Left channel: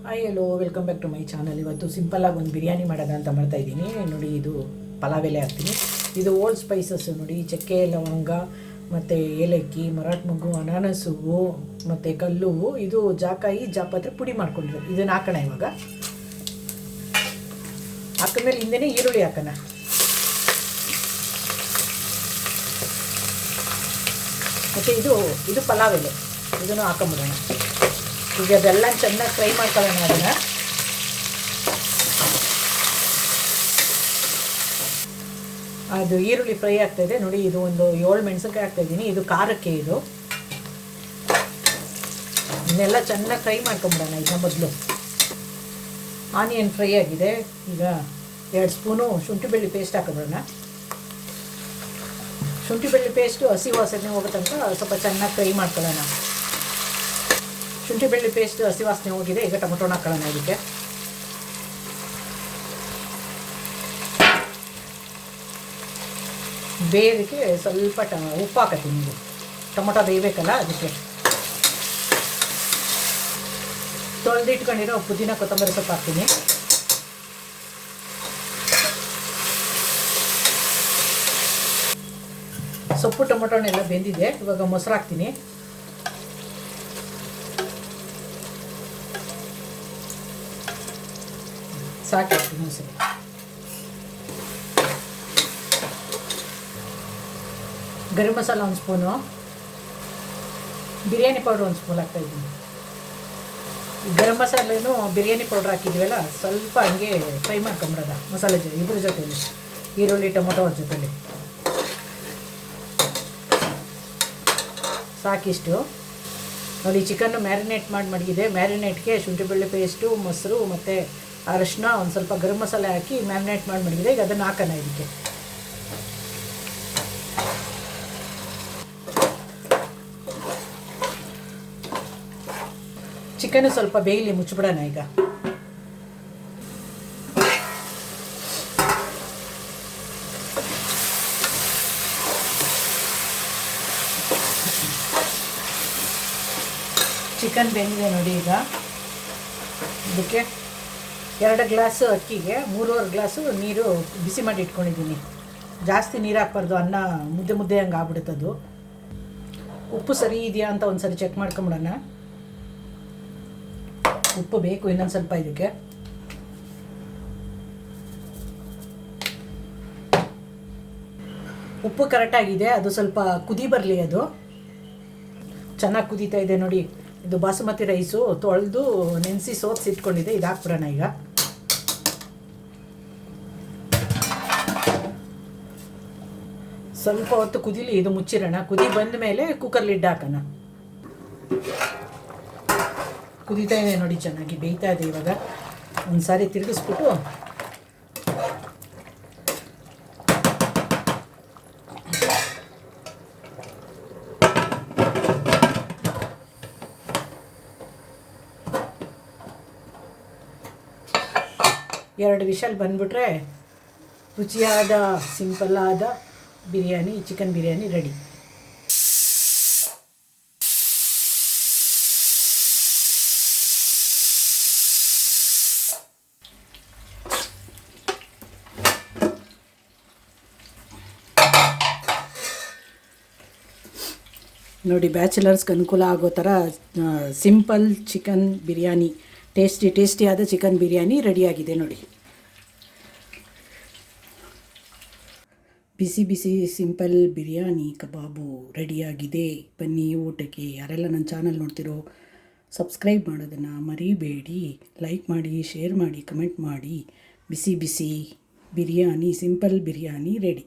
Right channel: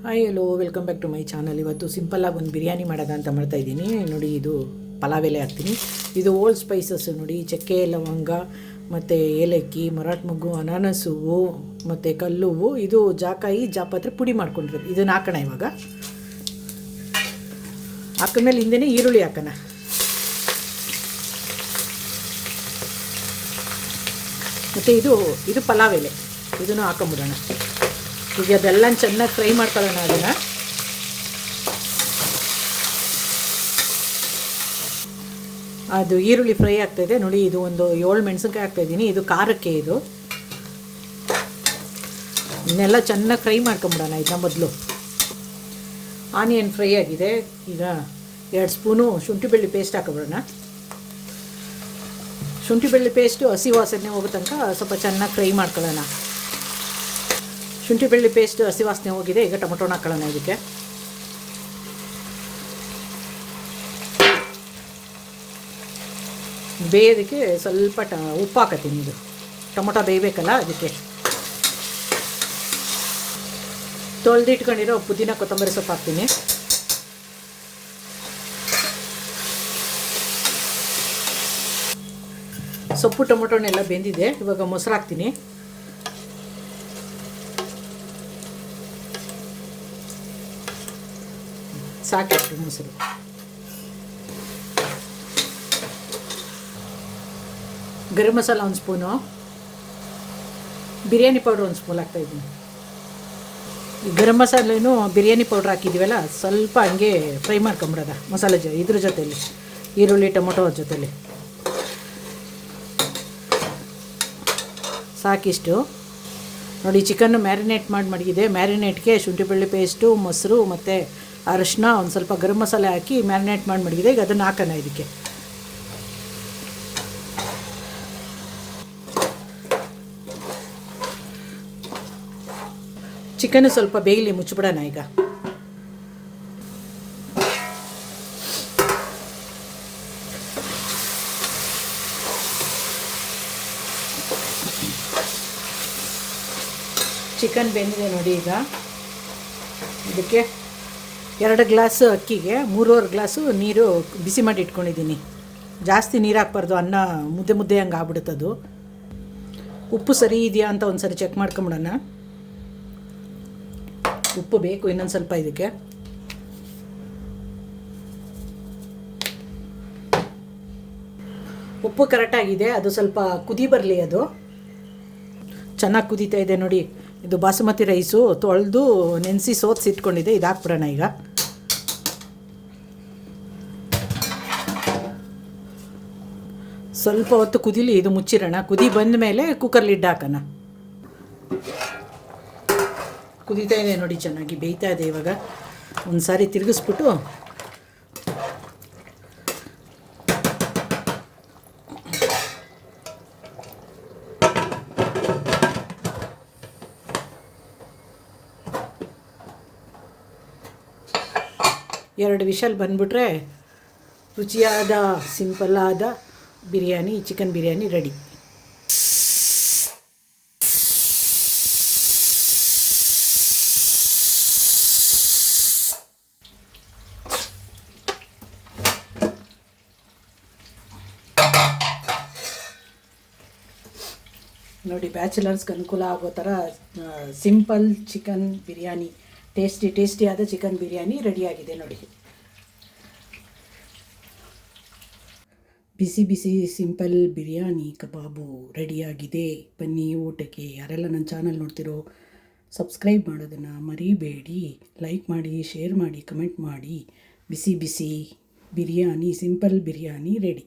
Hi hello welcome back to my channel ಇವತ್ತು ಸಿಂಪಲ್ಲಾಗಿ ಒಂದು ಬಿರಿಯಾನಿ ಮಾಡೋದ ಅಂತ ಮಾಡ್ತಾ ಇದ್ದೀನಿ. ನೋಡಿ, ಇದು ಪಲಾವ್ ಎಲೆ ಹಾಕ್ತೀನಿ. ಇದು ಓಲ್ಡ್ ಸ್ಪೈಸಸ್ ನೋಡಿ, ಚಕ್ಕೆ, ಲವಂಗ, ಮತ್ತು ಏಲಕ್ಕಿ, ಮರಾಠ ಮೊಗ್ಗು, ಅನಾನಸ್ ಹೂವು ಮತ್ತು ಕಲ್ಲು. ಹೂವು ಇದು ಜಾಕಾಯಿ, ಜಾಪತ್ರೆ ಪುಡಿ ಮಾಡ್ಕೊಂಡಿರೋದು. ಇದನ್ನು ಹಾಕೋಣ ಇವಾಗ. ಹಾಕಿದ್ಮೇಲೆ ಹಿಂದೆನೇ ಈರುಳ್ಳಿ ಹಾಕೋಣ. ಮತ್ತು ಇದು ಇದು ಪಲಾವ್ ಎಲೆ ಇದನ್ನು ಹಾಕೊಂಬಿಡೋಣ. ಈಗ ಅದೆಲ್ಲ ಚೆನ್ನಾಗಿ ಫ್ರೈ ಮಾಡ್ಕೊಳ್ಳೋಣ ಅದನ್ನು. ಅದು ಈರುಳ್ಳಿ ಫ್ರೈ ಆಗ್ತಾಯಿದೆ ನೋಡಿ, ಇದು ಒಂದು ಏಳು ಮೆಣಸಿನ್ಕಾಯಿ ಹಾಕ್ತಾಯಿದ್ದೀನಿ ಇದು ಖಾರಕ್ಕೆ ಇದು. ಇದನ್ನೆಲ್ಲ ಚೆನ್ನಾಗಿ ಫ್ರೈ ಮಾಡ್ಕೊಂಬಿಡೋಣ ಇದನ್ನ ಮೊದಲು. ಆನಿಯನ್ ಫ್ರೈ ಆಗಿದೆ. ಈಗ ಎರಡು ಸ್ಪೂನು ಶುಂಠಿ ಬೆಳ್ಳಿ ಪೇಸ್ಟ್ ಹಾಕೊಂಬಿಡೋಣ. ಶುಂಠಿ ಬೆಳ್ಳಿ ಪೇಸ್ಟು ಹಸಿ ವಾಸನೆ ಹೋಗೋ ತನಕ ಸ್ವಲ್ಪ ಚೆನ್ನಾಗಿ ಫ್ರೈ ಮಾಡ್ಕೊಳ್ಳೋಣ. ಶುಂಠಿ ಬೆಳ್ಳಿ ಪೇಸ್ಟ್ ಹಸಿ ವಾಸನೆ ಹೋಗಿದೆ, ಈಗ ಟೊಮೊಟೊನ ಹಾಕೋಣ ಇದಕ್ಕೆ. ಬೇಯೋದಕ್ಕೆ ಸ್ವಲ್ಪ ಟ, ಉಪ್ಪು ಹಾಕತ್ತೀನಿ ಇದು ಟೊಮೊಟೊ ಬೇಯಬೇಕಲ್ಲ ಅದಕ್ಕೆ. ತೊಳೆದಿಟ್ಕೊಂಡಿರೋ ಪುದೀನ ಕೊತ್ತಂಬರಿ ಸೊಪ್ಪು ಹಾಕ್ತೀನಿ. ಸೊಪ್ಪು ಟೊಮೊಟೊನೆಲ್ಲ ಬೆಂದಿದೆ, ಇವಾಗ ಮೊಸರು ಹಾಕ್ತೀನಿ ಸಾಕಿಷ್ಟು ಮೊಸರು. ಗರಂ ಮಸಾಲ ಒಂದು ಸ್ಪೂನು. ಬಿರಿಯಾನಿ ಪೌಡ್ರ್ ಒಂದು ಸ್ಪೂನ್ ಹಾಕ್ತಾಯಿದ್ದೀನಿ ಗರಂ ಮಸಾಲೇನು ಬಿರಿಯಾನಿ ಪೌಡ್ರ್ ಹಾಕಿದ್ದೀವಲ್ಲ, ಸ್ವಲ್ಪ ಹಂಗೆ ಫ್ರೈ ಮಾಡ್ಕೊಂಬಿಡೋದ ಮಸಾಲೆ ಜೊ, ಇದ್ರ ಜೊತೆಲಿ. ಈರುಳ್ಳಿ, ಟೊಮೊಟೊ ಜೊತೆಲಿ. ಸಾಕಿಷ್ಟು. ನೋಡಿ ಚಿಕನ್ನು ಮ್ಯಾರಿನೇಟ್ ಮಾಡಿ ಮಡಗಿದೆ ಮ್ಯಾರಿನೇಟ್ಗೆ ಶುಂಠಿ ಬೆಳ್ಳಿ ಪೇಸ್ಟು, ಮೊಸರು ಮತ್ತು ಅರಿಶಿನ ಒಂದು ಸ್ವಲ್ಪ ಗರಂ ಮಸಾಲೆ ಹಾಕಿ ಮ್ಯಾರಿನೇಟ್ ಮಾಡಿ ಮಡಗಿದೆ ಈಗ ಅದನ್ನು ಹಾಕೋಣ ಇದಕ್ಕೆ. ಚಿಕನ್ ಸ್ವಲ್ಪ ಬೇಯಲಿ ಮುಚ್ಚಿಬಿಡೋಣ ಈಗ. ಚಿಕನ್ ಬೆಂದಿದೆ ನೋಡಿ ಈಗ. ಇದಕ್ಕೆ ಎರಡು ಗ್ಲಾಸ್ ಅಕ್ಕಿಗೆ, ಮೂರುವರೆ ಗ್ಲಾಸು ನೀರು ಬಿಸಿ ಮಾಡಿ ಇಟ್ಕೊಂಡಿದ್ದೀನಿ. ಜಾಸ್ತಿ ನೀರು ಹಾಕ್ಬಾರ್ದು, ಅನ್ನ ಮುದ್ದೆ ಮುದ್ದೆ ಹಂಗೆ ಆಗ್ಬಿಡುತ್ತದು ಉಪ್ಪು ಸರಿ ಇದೆಯಾ ಅಂತ ಒಂದು ಸರಿ ಚೆಕ್ ಮಾಡ್ಕೊಂಬಿಡೋಣ. ಉಪ್ಪು ಬೇಕು ಇನ್ನೊಂದು ಸ್ವಲ್ಪ ಇದಕ್ಕೆ. ಉಪ್ಪು ಕರೆಕ್ಟಾಗಿದೆ ಅದು ಸ್ವಲ್ಪ ಕುದಿ ಬರಲಿ ಅದು. ಚೆನ್ನಾಗಿ ಕುದೀತಾ ಇದೆ ನೋಡಿ. ಇದು ಬಾಸುಮತಿ ರೈಸು ತೊಳೆದು ನೆನೆಸಿ ಸೋತ್ಸಿಟ್ಕೊಂಡಿದೆ ಇದು ಹಾಕ್ಬಿಡೋಣ ಈಗ. ಸ್ವಲ್ಪ ಹೊತ್ತು ಕುದಿಲಿ, ಇದು ಮುಚ್ಚಿರೋಣ. ಕುದಿ ಬಂದ ಮೇಲೆ ಕುಕ್ಕರ್ ಲಿಡ್ ಹಾಕೋಣ. ಕುದೀತಾ ಇದೆ ನೋಡಿ, ಚೆನ್ನಾಗಿ ಬೇಯ್ತಾ ಇದೆ ಇವಾಗ. ಒಂದು ಸಾರಿ ತಿರುಗಿಸ್ಬಿಟ್ಟು ಎರಡು ವಿಷಲ್ ಬಂದ್ಬಿಟ್ರೆ ರುಚಿಯಾದ ಸಿಂಪಲ್ಲಾದ ಬಿರಿಯಾನಿ ಚಿಕನ್ ಬಿರಿಯಾನಿ ರೆಡಿ ನೋಡಿ ಬ್ಯಾಚುಲರ್ಸ್ಗೆ ಅನುಕೂಲ ಆಗೋ ಥರ ಸಿಂಪಲ್ ಚಿಕನ್ ಬಿರಿಯಾನಿ ಟೇಸ್ಟಿ ಟೇಸ್ಟಿಯಾದ ಚಿಕನ್ ಬಿರಿಯಾನಿ ರೆಡಿಯಾಗಿದೆ ನೋಡಿ. ಬಿಸಿ ಬಿಸಿ ಸಿಂಪಲ್ ಬಿರಿಯಾನಿ ಕಬಾಬು ರೆಡಿಯಾಗಿದೆ. ಬನ್ನಿ ಊಟಕ್ಕೆ. ಯಾರೆಲ್ಲ ನನ್ನ ಚಾನಲ್ ನೋಡ್ತಿರೋ, ಸಬ್ಸ್ಕ್ರೈಬ್ ಮಾಡೋದನ್ನು ಮರಿಬೇಡಿ. ಲೈಕ್ ಮಾಡಿ, ಶೇರ್ ಮಾಡಿ, ಕಮೆಂಟ್ ಮಾಡಿ. ಬಿಸಿ ಬಿಸಿ ಬಿರಿಯಾನಿ, ಸಿಂಪಲ್ ಬಿರಿಯಾನಿ ರೆಡಿ.